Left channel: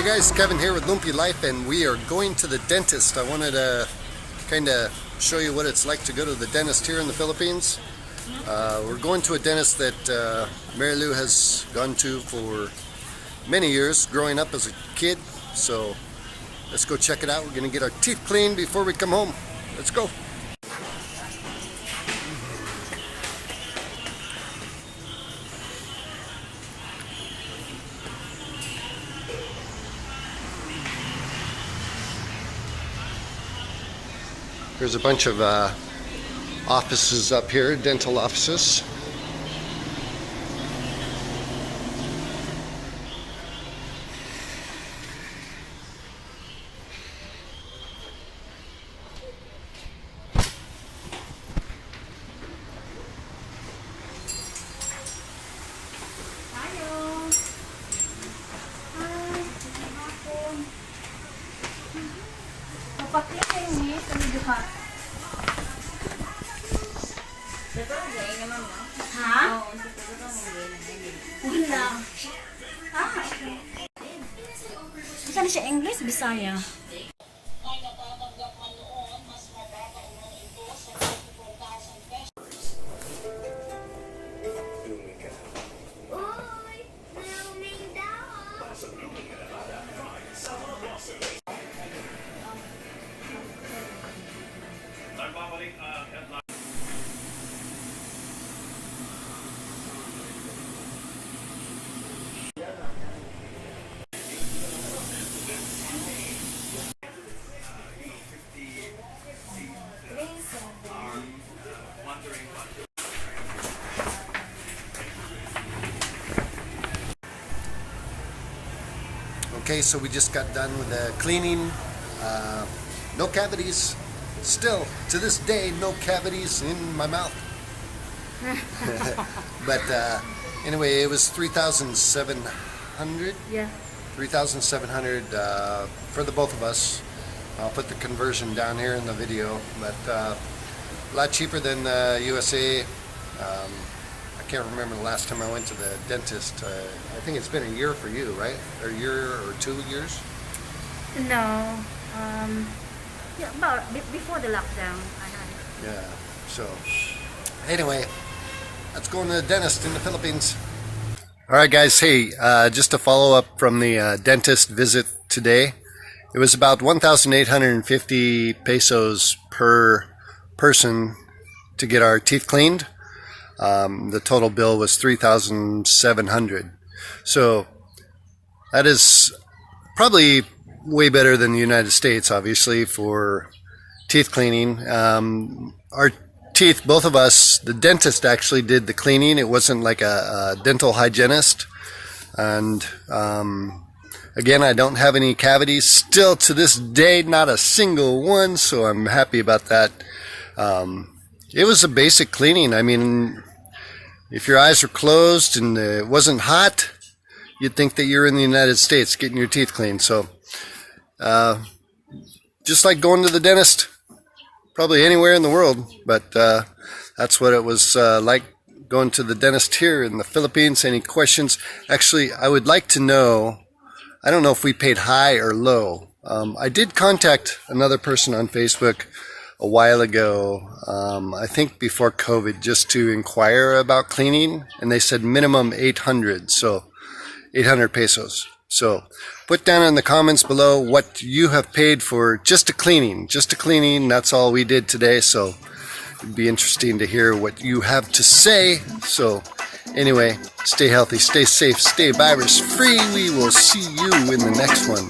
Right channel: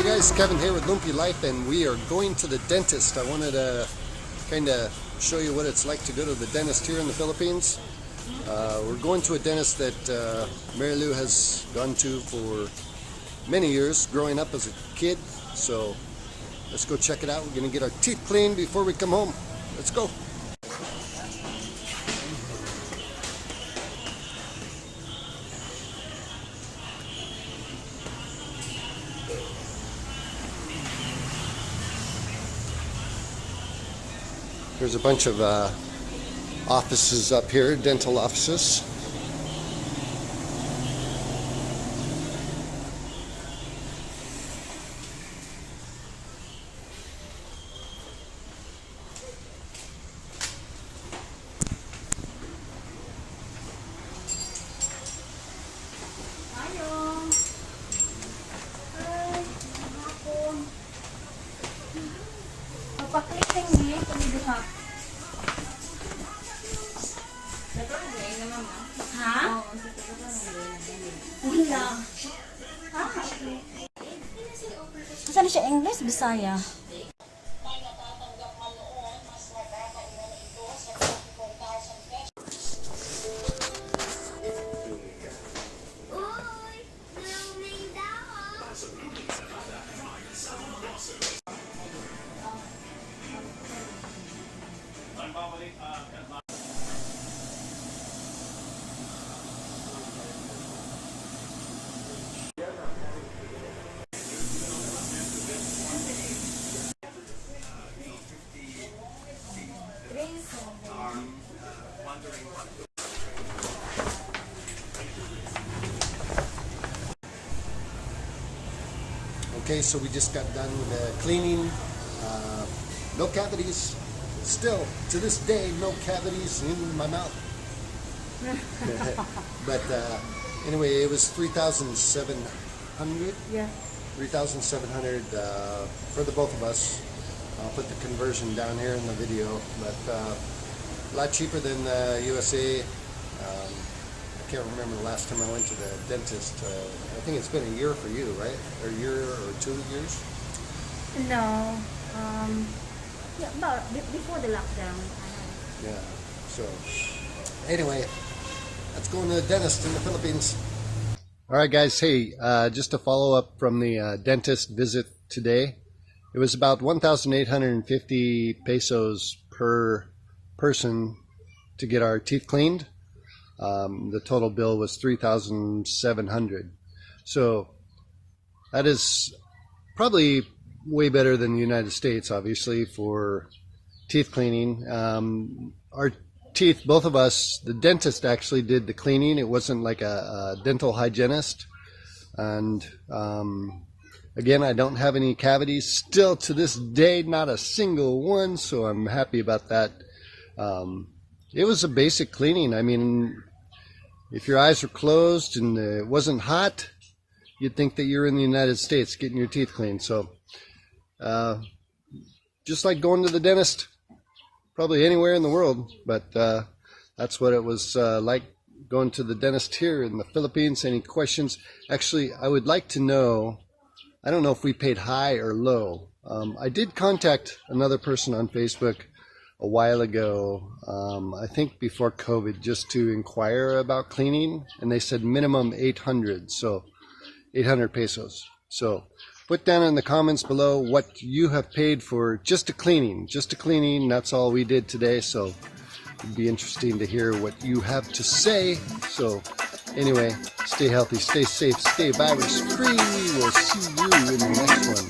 Hey guys, Kevin here with Lumpy Life, and we are going to the dentist. I wanted to kind of show you what it's like to go to the dentist here in the Philippines. We're going to a dentist that Marilou has gone to for many years growing up as a kid. So let's go check it out. We're going to get our teeth cleaned before we come home. Let's go. There's a bunch of offices up here, dental offices. Ha? Wala. Okay. Saan siya English? Bisaya? Okay, so we just got done with the cleaning. No cavities. Still, to this day, no cavities in my mouth. But anyway, it was 3,700. Yeah. 3,700 for the both of us. I'll put the conversion down here in the video, but a lot cheaper than USA. I can't remember the last time I went to the dentist. I think it's been a year for you, right? Or a year or 2 years? No. Yeah, about before the lockdown. Yeah. So anyway, let's go to the dentist in the Philippines. All right, guys. Hey, just a follow up from the dentist visit today. It was about 1,850 pesos per person to get our teeth cleaned. The total bill was 3,700. So that is probably way better than the United States, obviously, for teeth cleaning. Our teeth, both of us, the dentist actually did the cleaning. It wasn't like a dental hygienist. And again, I don't have any cavities. Still to this day, not a single one, so I'm happy about that. It was a basic cleaning. I mean, if your eyes were closed and it wasn't hot, you'd think that you're in the United States getting your teeth cleaned. So just like going to the dentist, probably anywhere in the world, but that's what it was like going to the dentist here in the Philippines. Any questions? Actually, I would like to know, I don't know if we paid high or low. I did contact another person on Facebook a while ago, I think before COVID, just to inquire about cleaning, and they said minimum 800, so 800 pesos. So put down in the comments below what you have paid for just a cleaning. That's all we did today, so it'd be interesting to hear what you have to say. So anyway, stay healthy, stay safe, stay virus free. We will see you in the next one.